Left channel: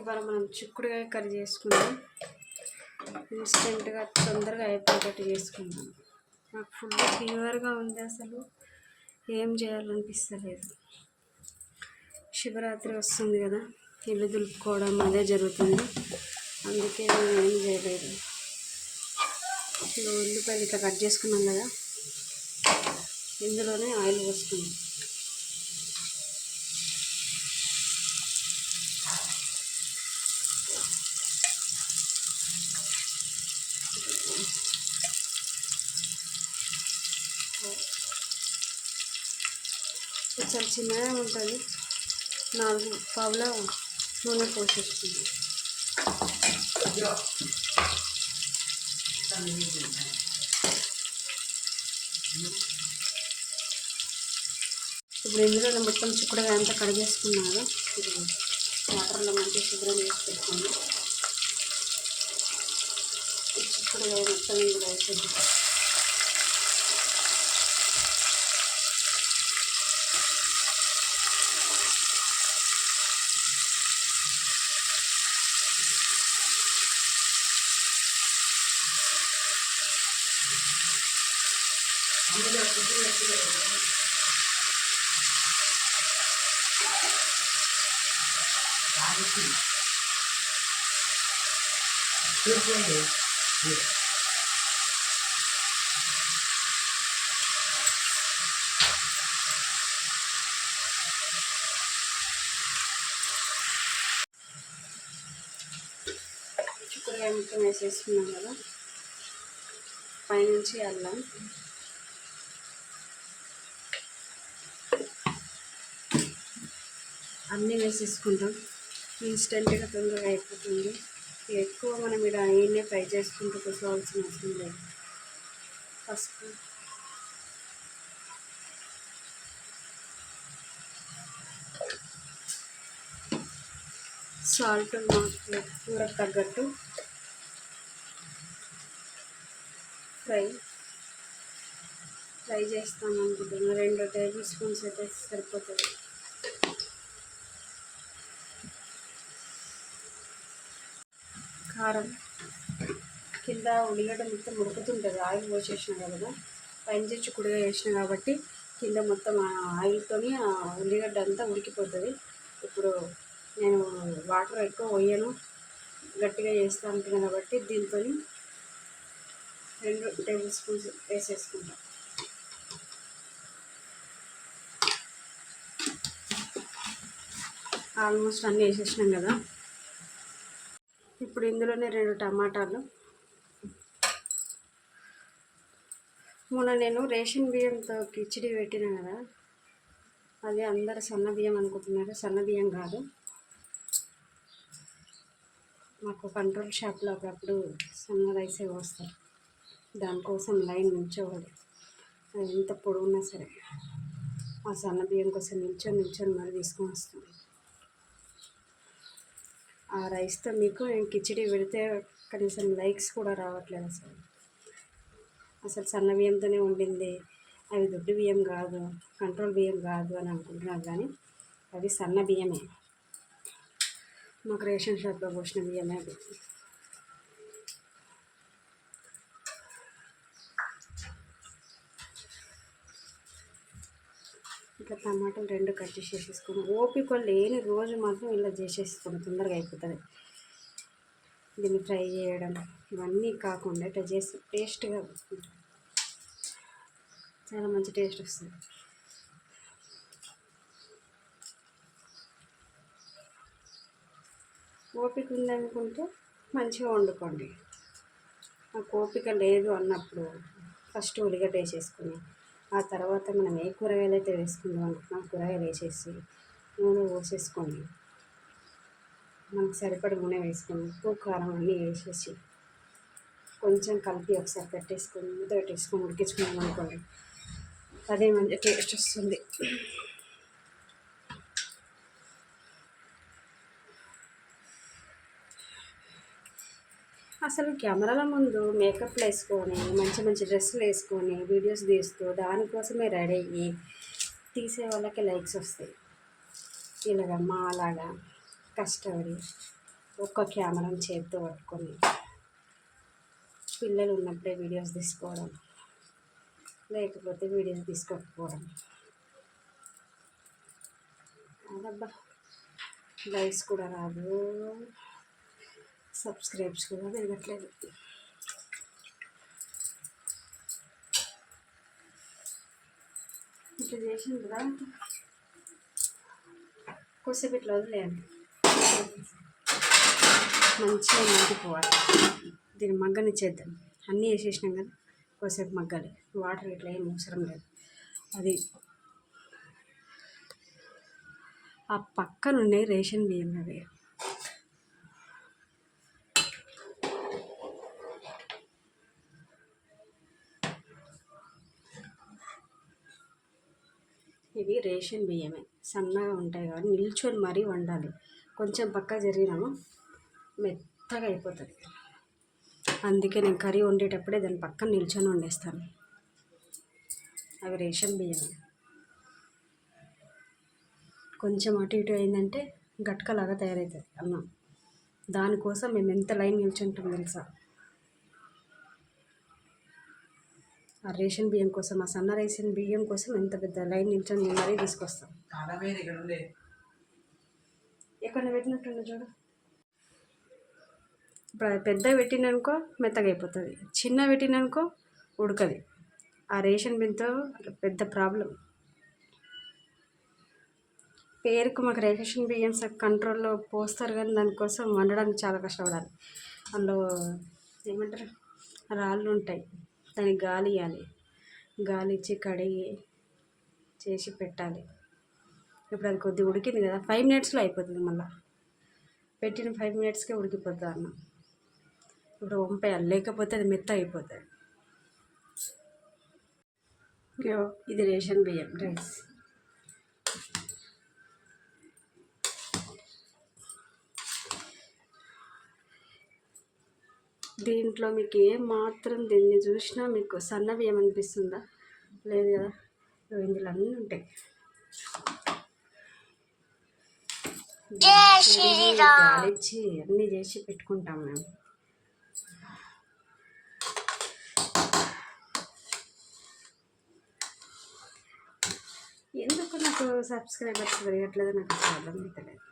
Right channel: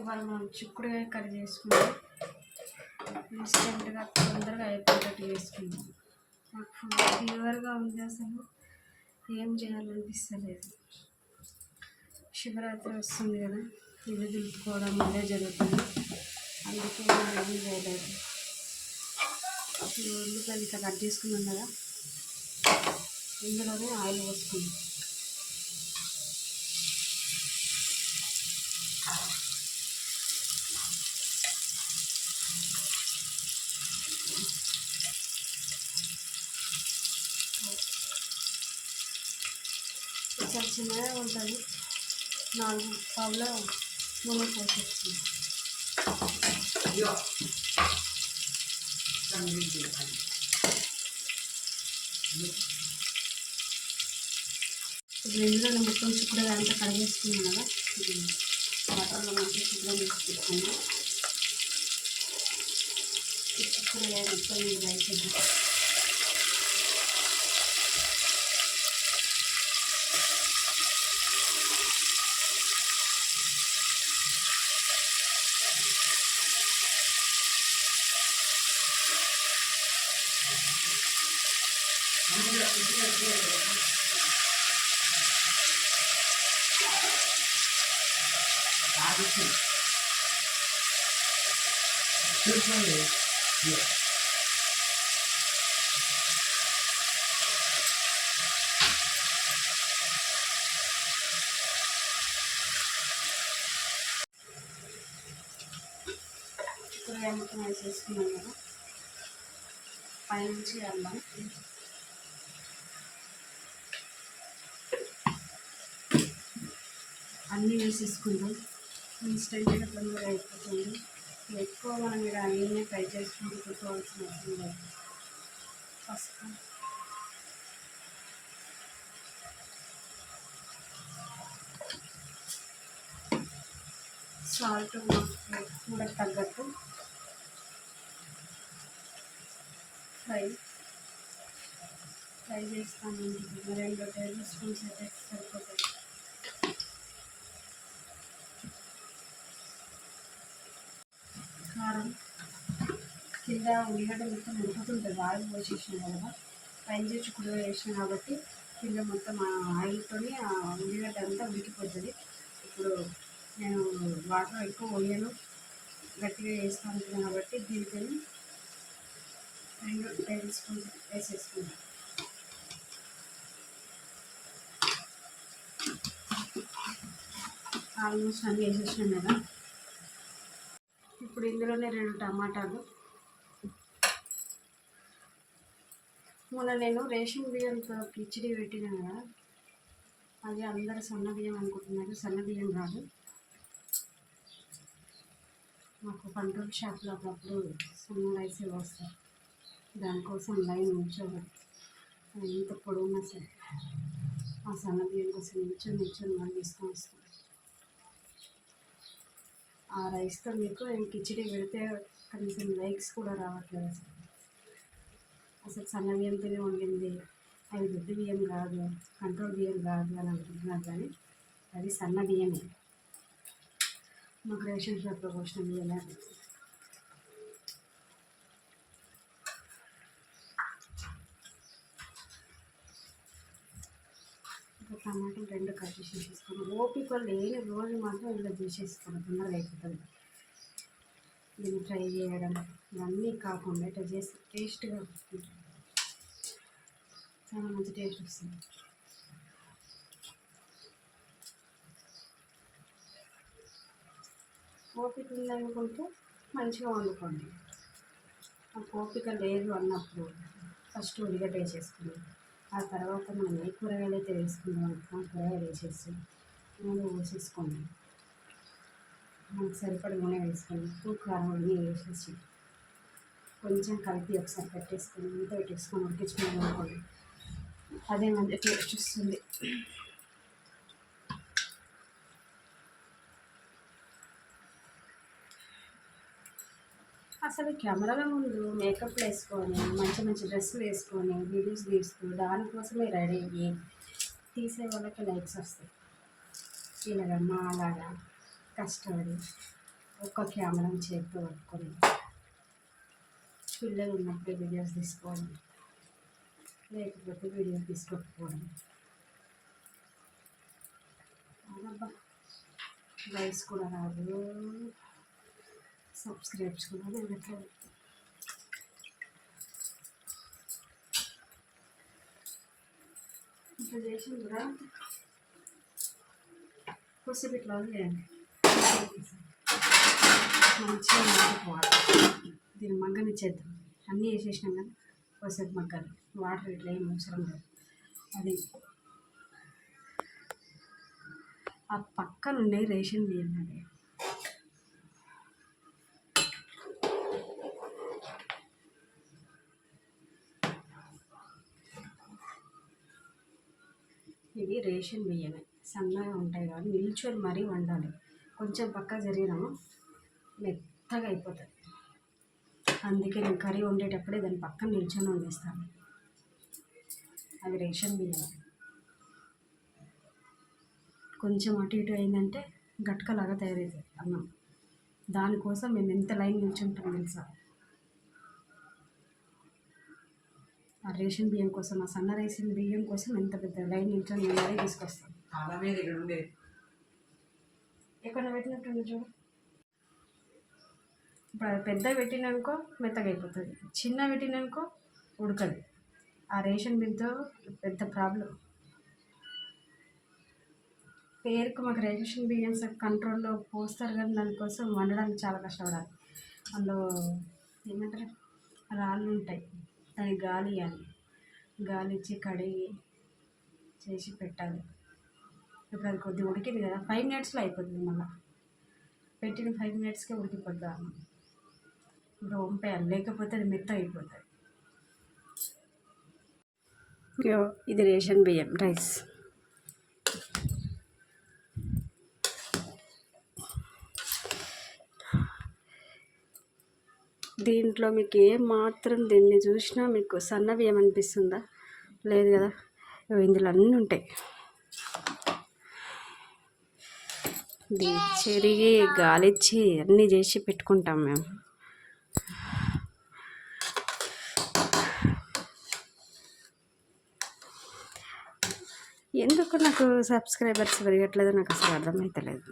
ఇవాళ మనం చిక్కుడుకాయ కర్రీ చేసుకుందాం. ఇన్స్టెంట్గా తొందరగా అయిపోయేటట్టు చేసుకుందాం. నాకు ఫుల్ ఫీవర్గా ఉంది, అసలు ఏం చేయాలనిపిస్తలేదు. శివరాత్రి వస్తుంది కదా, ఇల్లు దులుపుకోవడం అదే జరుగుతుంది, అందుకే నేను ఏం చేయలేదు. ఉల్లిపాయలు ఇట్లా కట్ చేసుకున్నాం కదా, ఇందులోనే ఆయిల్ పోసుకుందాం. కొంచెం చిన్నగా ఉంటుంది, 4 పావుల నూనె పోసేస్తుంది. ఇప్పుడు ఇందులో మొత్తం చిక్కుడుగా అంతా కడిగేసుకున్నాను. వాటర్లో మంచిగా శుభ్రం చేసి పెట్టుకుంది. చిక్కుడుగా మొత్తం ఇందులో అయిపోయింది. చిక్కుడుకాయ మొత్తం వేసేసుకున్నాం కదా, పైనుంచి అల్లం, అన్నీ వేసేసుకుంటాం. ఇన్స్టెంట్గా తొందరగా అయిపోతుంది. ఎక్కువ మనం ఇలా అన్నీ ఫ్రై చేసుకుంటూ కూర్చోవాల్సిన అవసరం లేదు. పసుపు, సాల్ట్ మాకు కూరకు తగ్గట్టు, ఫ్రై చేస్తాను అనుకుంటున్నాను. 2 టేబుల్ స్పూన్స్ అయితే సరిపోతుంది. కారం, కింద ఉల్లిగడ్డ మొత్తం ఉడుకుతుంటుంది, ఆయిల్ పోసేసినా కదా, పైన చిక్కుడుగా వేసిన కాబట్టి కింద మొత్తం ఆయిల్తో ఉల్లిగడ్డ అంతా ఉడికిపోతుంది. ఇప్పుడు నేను వాటర్ ఎక్కువ పోయను, గట్టిగా చేస్తూ ఉంటున్నాను కాబట్టి దీంతో 2 టేబుల్ స్పూన్స్ వేసేసుకుంటాం. ఆల్మోస్ట్ అన్నీ వేసేసినాం కదా. ఇప్పుడు ఇందులోనే 2 టమాటాలు. మొన్న నేను రేషన్ బియ్యంతో కిచిడి పెట్టినా కదా, అది అందరు సన్న బియ్యం అనుకుంటున్నారు. సన్న బియ్యం కాదు, మాకు కంట్రోల్ షాప్లో అప్పుడప్పుడు సన్న రైసే వస్తారు. దానికోసం లైన్ నిల్చోవాలి, అది ఎంత పొడవున్నా సరే. ఆ సన్న బియ్యం కోసం నిల్చొని మరి తీసుకొని వస్తుంది. ఆ రైస్తో మీకు నేను కిచిడి పెడితే కనీసం లైక్స్ కూడా రావట్లేదు. అసలు సన్న బియ్యంతోనే వండింది, అవి దొడ్డు బియ్యం కాదు, కంట్రోల్ బియ్యం కాదు అని అనుకుంటున్నారు, కానీ అవి సన్న బియ్యమే. మాకు రేషన్ షాప్లో పోసిన బియ్యమే అది. ఇట్లా టమాటాలు 2 కట్ చేసేసుకున్నాం. ఓపిక లేని రోజు మాత్రం ఇలా చేసేసుకున్నాం, తొందరగా అయిపోతుంది. దీన్ని ఫ్రై చేయడం ఇవన్నీ కాకుండా ఇట్లా చేసి టేస్ట్గా చాలా మంచి టేస్ట్ వస్తుంది. ఓపిక ఉందనుకుంటే మంచిగా వండుకోండి. నాకు ఓపిక లేదు అన్నప్పుడు ఫస్ట్ ఉల్లిగడ్డ వేసేసుకుని, ఆ తర్వాత మనం ఏ కూరగాయలు అయితే వేసుకుందాం అనుకున్నాం కూరగాయలు వేసేసి నూనె పోసేసుకోండి. మనకు సరిపడ నూనె వేసుకొని ఉప్పు కారం అన్నీ వేసేసి కొంచెం కలిపి ఒకసారి పెట్టేసుకొని మూత పెట్టేసుకొని ఉడికించుకున్నాం అనుకోండి, అదే మంచి టేస్ట్ వస్తుంది. అసలు కెమెరాల ముందు మేకప్లు వేసుకొని మంచి మంచి డ్రెస్సులు వేసుకొని వీడియోస్ తీస్తూ దానికోసమే రెడీ అయ్యి తీసే వాళ్ళకి లైక్స్ వస్తాయి. ఇలాగ మా అలాగా కష్టపడి ఒక్క కెమెరాని చేతితో పట్టుకొని పిల్లలు ఉన్నప్పుడే వీడియోస్ తీసుకోవడం, లేకపోతే వీడియోస్ తీసుకోకపోవడం. అబ్బా లైక్స్ కూడా రాదు, సబ్స్క్రైబ్స్ కూడా పెరగట్లేదు. ఇట్లా చేసిన కూడా కొద్దిసేపు ఇట్లా వదిలేయండి, మంచిగా మగ్గిపోవాలి. దీన్ని మగ్గనిచ్చేద్దాం. అన్నీ వేసేసినాం కదా, కొద్దిసేపు మగ్గాలి. వాటర్ ఇట్లా ఏం అవసరం లేదు. అది ఆ పక్కన ఉన్నాయి రేషన్ బియ్యం. అవి ఇవి రేషన్ బియ్యమే, సన్నగా ఉంటాయి కాబట్టి నిల్చొని మరీ వండాలి. కొంచెం పక్క జరిగినాము మెత్తగా అయిపోతుంది. అందుకే నేను కర్రీ వండేటప్పుడే దాని పక్కన నిల్చొని వండేస్తాను. అవి రేషన్ బియ్యమే. కొంచెం అటు ఇటు అయిందంటే గట్కలాగా తయారవుతుంది అన్నం. దానికోసం మేము ఎంత లైన్ నిల్చుంటాం తెలుసా? ఆ రేషన్ బియ్యం కోసం, ఆ సన్న రేషన్ బియ్యం కోసం ఎంత పెద్ద లైన్ నిల్చొని మరీ తీసుకొస్తాం. ఎక్కడ పెట్టినట్టు చూడు. ఇప్పుడు పెద్ద పెట్టిననుకో మెత్తగా అయిపోతుంది, చిన్న పెట్టిననుకో ఉడకది. ఆ రేషన్ బియ్యంతో పెద్ద ప్రాబ్లం. పేరుకు మాకు రేషన్ బియ్యం కంట్రోల్లో పోస్తారు, కానీ దానికోసం వండడానికి చాలా కష్టపడాలి. అందులో ఏమంటారు, రాళ్ళు ఉంటాయి, దానికి గాలి ఇవ్వాలి. గాలి ఇచ్చి కడిగి చేసి పెట్టాలి. ఇప్పుడు అది కొద్దిగా ఉడికింది కదా, 5 minutesలో అయిపోతుంది. మళ్ళీ పెట్టిన 5 minutesకే ఉడికిపోతుంది అన్నం. ఇప్పుడు వంపేయాలి, లేకపోతే అది మెత్త అయిపోతుంది. ఇది రేషన్ బియ్యం రైస్. దీంట్లో మీకు మాత్రం దీన్ని చూసినా మీకు సన్న బియ్యం అనిపిస్తుందా? లేదు కదా, ఇందులో అన్నీ ఉంటాయి. తిరిగి గాలిచ్చి అన్నీ చేసి పెట్టుకుంటాం మేము. ఎందుకు నాకు సబ్స్క్రైబర్స్ పెరగట్లేదు నాకు అసలు అర్థమవుతలేదు.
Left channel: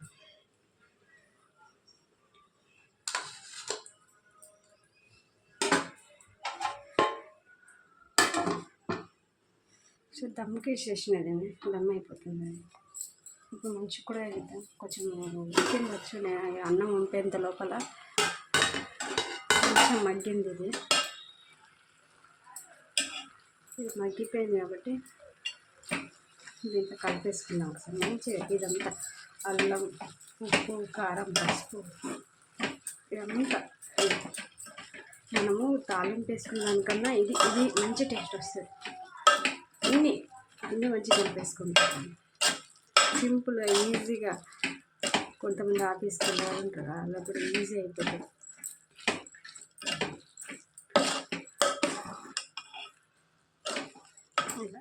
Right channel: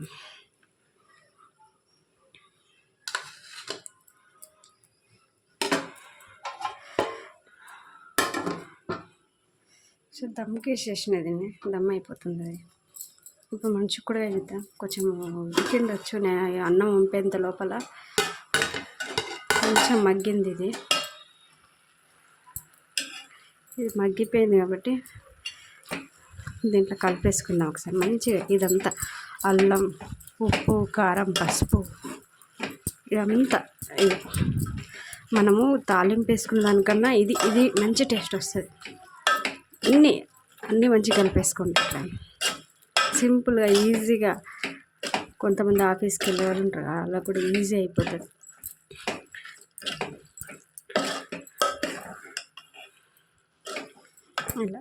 సో దమ్కి వేసేసినది, దమ్ అయిపోతుంది అది. ఇప్పుడు మంచిగా కూడా వేద్దాం. కొంచెం ఉడికిండొచ్చు, నేను అన్నం ఉంపేంత లోపల కొంచెం మగ్గింది. ఇది మగ్గిపోయింది కాబట్టి దీంట్లో కలిపేసుకుందాం ఒకసారి మంచిగా. ఇదంతా అల్లం, ఉప్పు, కారం, పసుపు ఇదంతా మనము తాలింపు వేసుకున్న దానికన్నా ఇది మంచి టేస్ట్ వస్తుంది. అన్నీ మంచిగా కలిపేసుకుంటాం సింపుల్గా, ఈజీగా. కొంతమంది ఆఫీస్కి వెళ్ళేవారు ఉంటారు, అలా కూడా ఈజీ అయిపోతుంది. ఇలా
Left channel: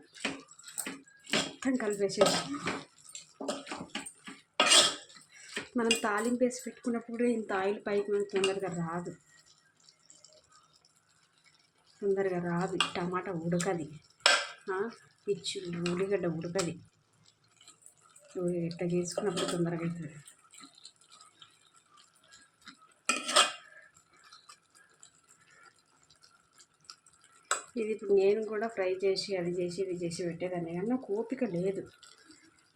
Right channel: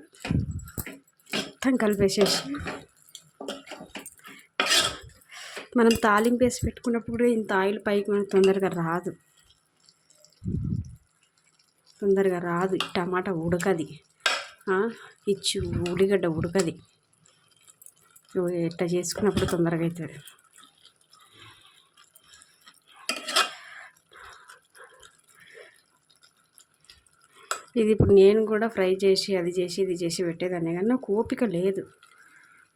మొత్తం కలిపేసేసి మనం తాలింపు వేసి పెట్టుకున్నప్పుడు కూడా ఇంత ఆయిల్ పైకి మనకు తొందరగా రాదు. టమాటా ఉడకది, ఇచ్చి ఉల్లిగడ్డ ఉడకది. ఇట్లా చేసుకున్నప్పుడు తొందరగా అవుతుంది. ఇది ఇప్పుడు నేను కూడా ఫ్రై చేసి అది చేసి ఇది చేసి పెట్టేదాన్ని, కానీ నాకు ఓపిక లేదు.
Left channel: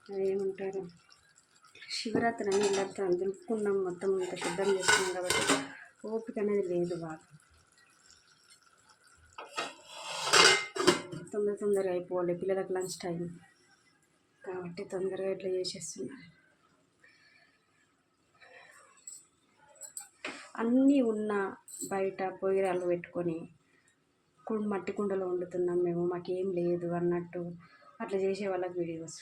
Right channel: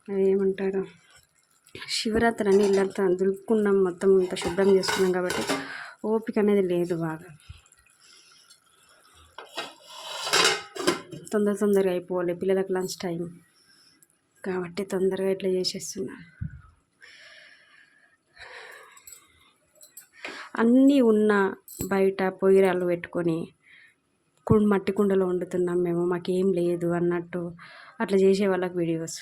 అదేమంటారు, శివరాత్రి అని ఇల్లంతా దులుపుకున్నాం, మొత్తం ఇంత శుభ్రం చేసుకున్నాం కాబట్టి ఓపిక అనేది లేదు బాగా. తొందరగా అయిపోవాలి, పిల్లలకు లంచ్ టైం కాబట్టి తొందరగా ఇట్లా చేసేస్తున్నా. అన్నీ ఉన్న బయట పొయ్యిరాలు పెట్టుకొని మట్టి కుండలో వండుతున్నాం మేము, మాకేం లేదు అన్నట్టు అట్లా చేసే వాళ్ళకి వీడియోస్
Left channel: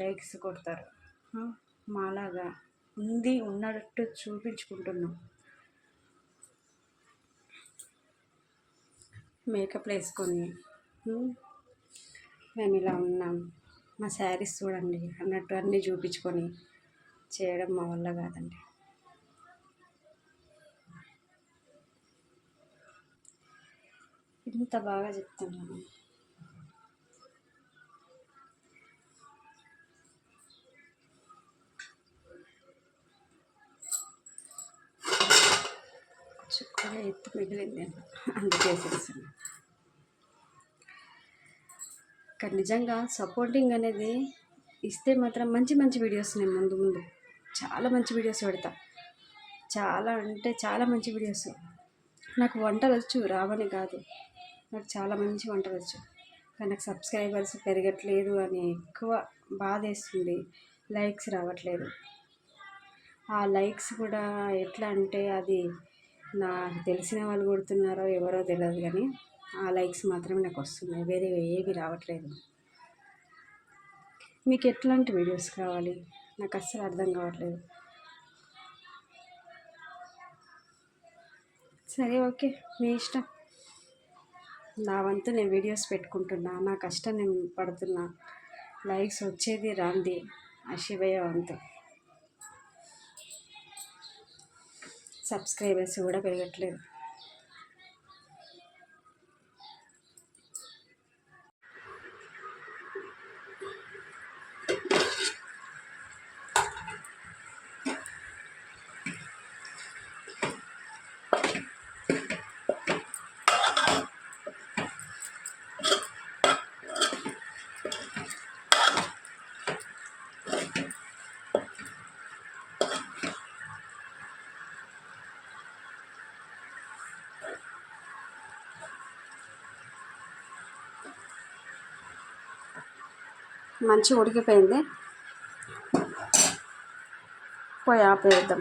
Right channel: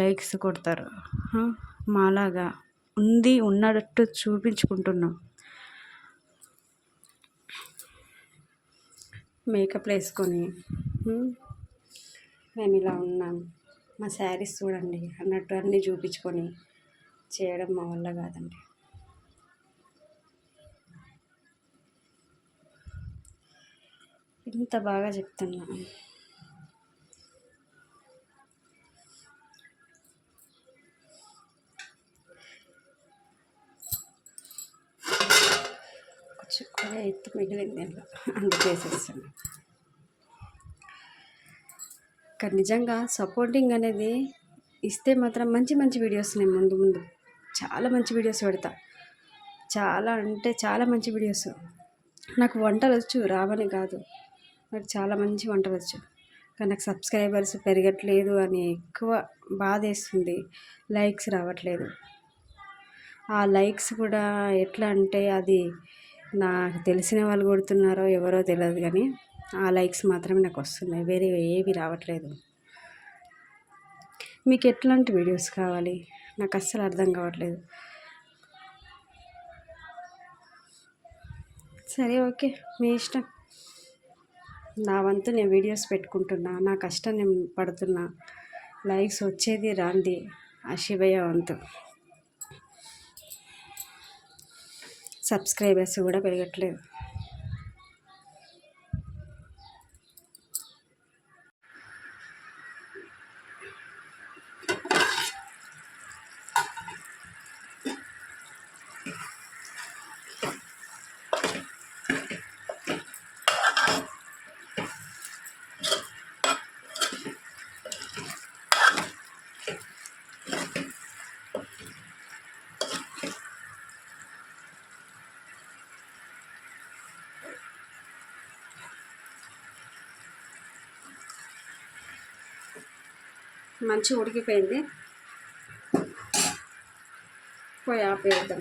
లైక్స్ కొడతారు. మాలాగా ఉన్నట్టు చూపించుకుంటున్నాం. మేకప్లు వేసుకొని మేము ఇలా ఉన్నాం, మా శారీస్ చూడండి అన్నట్టు అన్నీ చూపించుకొని చేయడం మా వల్ల కాదండి. ఇంత బాగా చెప్తున్నా. చుక్కగా ఎత్తు మిగిలింది అలా అందుకేసేస్తాను. కానీ నిజంగా సపోర్టింగ్ అనేది ఇస్తే మాత్రం మంచి మంచి వీడియోస్ నేను ముందు ముందు చాలా మంచి వీడియోస్ పెడతా. చాలా అంటే చాలా మంచి వీడియోస్. నాకు వంటలు వచ్చు, రావని కాదు, నాకు చాలా మంచి వంటలు వచ్చు. కానీ నాకు సబ్స్క్రైబర్స్ పెరగట్లేదు అని ఎక్కువ బాధ వేస్తుంది. లైక్స్ రావట్లేదు. ఆ లైక్స్ కూడా ఎట్లా అంటే అది నాకు తెలిసిన వాళ్ళు కొడుతున్నారో ఎవరో తెలియదు, కానీ ఆ లైక్స్ మాత్రమే నాకు వస్తున్నాయి, వేరే ఏవి రావట్లేదు. మీకు ఎట్లాంటి వీడియోస్ కావాలి నాకు అస్సలు అర్థం కావట్లేదు. సరే ఓకే, మీ ఇష్టం. నా వంతు నేను వీడియోస్ పెట్టుకుంటున్నా, నా కష్టం నేను పడుతున్నా. లైక్స్ వచ్చేది రాంది ఆ శివయ్య వంతు. సబ్స్క్రైబర్స్ కూడా పెరగట్లేదు. మంచిగా ఉడికిపోయింది, పోయి ఆపేద్దాం.